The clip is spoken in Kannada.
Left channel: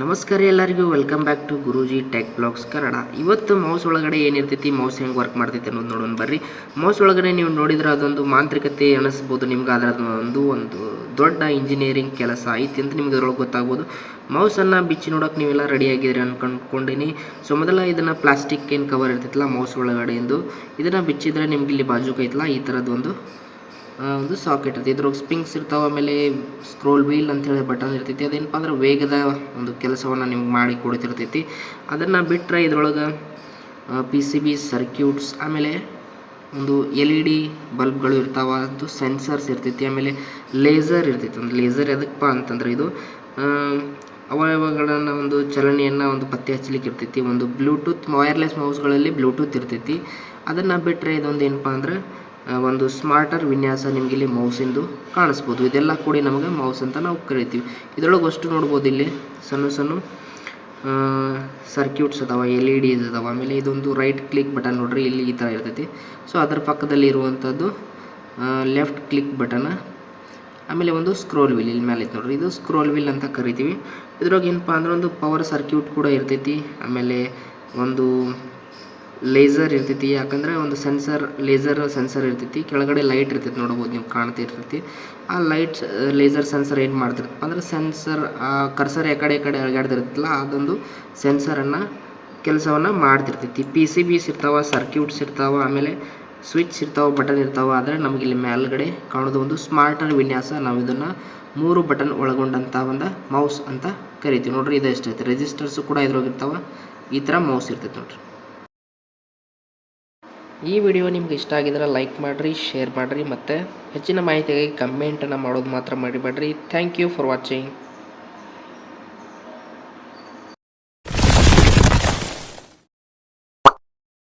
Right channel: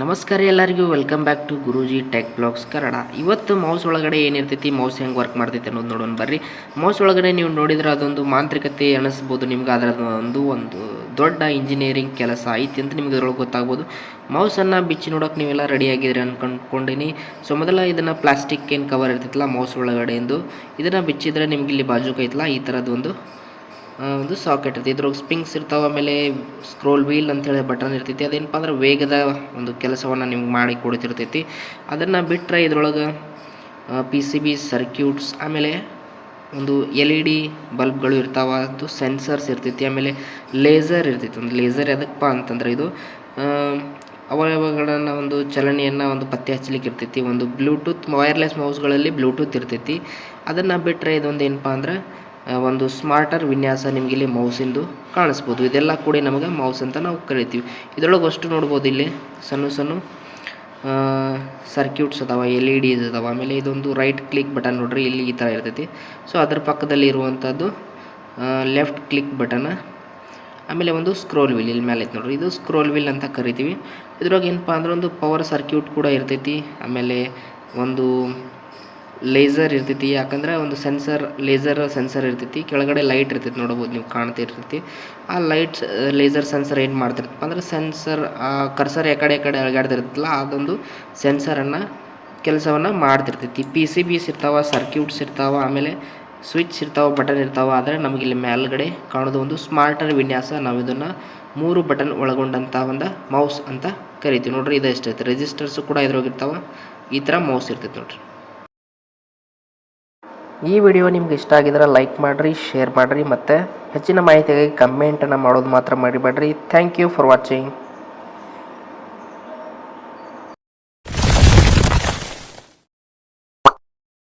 ನಮಸ್ಕಾರ ಎಲ್ಲರಿಗೂ welcome back to Guruji tech blogs Kannada. ಇವತ್ತು ಮೌಸ್ ಒಳಗಡೆ ಏನಿರ್ತೈತಿ, ಮೌಸ್ ಹೆಂಗೆ ವರ್ಕ್ ಮಾಡ್ತೈತೆ ಅನ್ನೋದು ನೋಡೋಣ ಬರ್ರಿ. ಮೌಸ್ ಒಳಗಡೆ ನೀವು ನೋಡಿದ್ರೆ ಅದೊಂದು ಮಾಂತ್ರಿಕತೆ ಅನಿಸ್ಬೋದು ನಿಮ್ಗೆ. ಅದರ ಒಂದು ದೊಡ್ಡ ಇಂಜಿನಿಯರಿಂಗ್ ಕೆಲಸ ಐತಿ ಅಂತ ನಿಮ್ಗೆ ಇದ್ರೊಳಗೆ ಗೊತ್ತಾಗ್ಬೋದು. ಮೌಸನ್ನು ಬಿಚ್ಚಿ ನೋಡೋಕೆ ನೀವೆಲ್ಲ ರೆಡಿ ಆಗಿದ್ರಿ ಅನ್ಕೊಂಡೀನಿ. ಸೊ ಮೊದಲ ಇದನ್ನು ಪ್ಲಾಸ್ಟಿಕ್ ಏನು ಕವರ್ ಇರ್ತೈತಿಲ್ಲ ಮೌಸ್ ಒಳಗಡೆಯಿಂದ, ಇದನ್ನು ಬಿಚ್ಚಿದ್ರೆ ನಿಮ್ಗೆ ಇಲ್ಲಿ ಬಾಜುಕ ಐತಲ್ಲ ಈ ಥರದ್ದು ಒಂದು ಸಾಕೆಟ್ ಇರ್ತೈತಿ. ಇದ್ರೊಳಗೆ ಸ್ಪ್ರಿಂಗ್ಸ್ ಇರ್ತಾವೆ, ಆಮೇಲೆ ಸ್ಕ್ರೋಲ್ ವೀಲ್ ಅಂತೇಳಿ ಬಟನ್ ಇರ್ತೈತಿ. ಅದೇನಪ್ಪ ಅಂದ್ರೆ ವೇಗದ ಒಂದು ಕೆಲಸವನ್ನು ನಿಮ್ಗೆ ಮಾಡಿ ಕೊಡ್ತಿರ್ತೈತಿ. ಅದನ್ನು ಬಿಟ್ಟರೆ ಇದ್ರೊಳಗೆ PCB ಸರ್ಕ್ಯೂಟ್ಸ್, ಆಮೇಲೆ ಒಂದು LED ಬಲ್ಬ್ಗಳು ಇರ್ತಾವೆ, ಅದು ಸೆನ್ಸರ್ಸ್ ಇರ್ತೈತಿ, ಆಮೇಲೆ ಲೇಸರ್ ಇರ್ತೈತಿ. ಒಂದು ಲೇಸರ್ ಎದಕ್ಕಪ್ಪ ಅಂತಂದ್ರೆ ಇದು ಅವಯವಗಳನ್ನು ಒಂದು ಚಲನೆಯನ್ನು ಒಂದು ಪತ್ತೆ ಹಚ್ಚಲಿಕ್ಕೆ ಇರ್ತೈತಿ. ಒಂದು ಬ್ಲೂಟೂತ್ ವೈರ್ಲೆಸ್ ಮೌಸ್ಗಳಲ್ಲಿ ಬ್ಲೂಟೂತ್ ಇರ್ತೈತಿ. ಅದನ್ನು ಬಿಟ್ಟರೆ ಇದೊಂದು ಏನಪ್ಪ ಅಂದ್ರೆ ಒಂದು ಸ್ಮಾರ್ಟರ್ ವಿನ್ಯಾಸ ನಿಮ್ಗೆ ಇಲ್ಲಿ ಮೌಸಿಂದು ಕಾಣಿಸ್ಬೋದು. ಇದೆಲ್ಲ ಕೂಡ ನಮಗೆ ಮೌಸ್ ಅಂತ ನಾವು ಕರಿತೀವಿ. ಇದರೊಳಗೆ ಅಷ್ಟು ನೋಡ್ಬೋದು, ಇಲ್ಲಿ ಸಣ್ಣ ಸಣ್ಣ ಸರ್ಕ್ಯೂಟ್ಸ್ ಅದಾವೆ, LEDs ಅದಾವೆ. ಆಮೇಲೆ ಇದೊಂದು ರೈಟ್ ಕ್ಲಿಕ್ ಬಟನ್ ನೋಡ್ರಿ, ಇಲ್ಲಿ ಈ ಥರ ಇರ್ತೈತಿ. ಸೊ ಅದರ ಪಕ್ಕದಲ್ಲಿ ಇರುವಂಥದ್ದು ಲೆಫ್ಟ್ ಕ್ಲಿಕ್ ಬಟನ್, ಆಮೇಲೆ ಒಂದು ಸ್ಕ್ರೋಲ್ ವೀಲ್ ಇಲ್ಲಿ ಮೇಲೆ ಐತೆ ನೋಡ್ರಿ, ಇದು ಸ್ಕ್ರೋಲ್ ವೀಲ್ ಅಂತ ಕರಿತೀವಿ. ಇದ್ರೊಳಗೆ ಏನಪ್ಪ ಅಂದ್ರೆ ಒಂದು ಪವರ್ ಸರ್ಕ್ಯೂಟ್ ಕೂಡ ಇರ್ತೈತಿ, ಆಮೇಲೆ ಒಂದು ಲೇಸರ್ ಇರ್ತೈತಿ. ಯಾಕಂದ್ರೆ ಒಂದು ಲೇಸರ್ ಸೆನ್ಸರ್ ಇರ್ತೈತಿ. ಕೆಳಗಡೆ ಲೈಟ್ ಇರ್ತೈತಿ, ನೋಡ್ಬೋದು ನೀವು, ಕಾಣ್ತಾ ಇರ್ತೈತಿ. ಆ ಲೈಟ್ ಲೇಸರ್ ಸೆನ್ಸರ್ ಏನು ಮಾಡ್ತಿರ್ತಪ್ಪ ಅಂದ್ರೆ ಸೆನ್ಸರ್ ಕರ್ಸರ್ ಕಡೆ ಅಳಗಾಡ್ತಿರ್ತೈತಿಲ್ಲ, ಅದೊಂದು ಸೆನ್ಸರನ್ನು ಕೆಲಸವನ್ನು ಮಾಡ್ತಿರ್ತೈತಿ. PCBs ಇರ್ತಾವೆ, ಸರ್ಕ್ಯೂಟ್ಸ್ ಇರ್ತಾವೆ, ಆಮೇಲೆ ಸ್ವಿಚ್ ಇರ್ತಾವೆ, ಬಟನ್ ಇರ್ತಾವೆ. ಆದರೆ ನಮಗೆ ಇಲ್ಲಿ ಮೇಲ್ಗಡೆ ಕಾಣೋದು ಒಂದು ಸ್ಮಾರ್ಟರ್ ವಿನ್ಯಾಸ. ನಾವು ಇದನ್ನು 3 ಬಟನ್ ಒಳಗೊಂಡಂಥ ಒಂದು ಮೌಸ್ ಅಂತ ಕರಿತೀವಿ ನೋಡ್ರಿ. ಇದು ಎಷ್ಟೈತೆ ರೆಜಿಸ್ಟರ್ಸು ಕೂಡ ಇದ್ರಾಗಿರ್ತಾವೆ. ಈ ಥರ ಮೌಸ್ ಇರ್ತೈತಿ ನೋಡ್ರಿ. ಈ ವಿಡಿಯೋ ನಿಮ್ಗೆ ಇಷ್ಟ ಆಗಿದ್ರೆ ಲೈಕ್ ಮಾಡಿರಿ, ಶೇರ್ ಮಾಡಿರಿ, ಮತ್ತು ಹೆಚ್ಚಿನ ಮಾಹಿತಿಗಾಗಿ ಕಮೆಂಟನ್ನು ಮಾಡೋದು ಮಾತ್ರ ಮರಿಬೇಡ್ರಿ. Thank you for watching.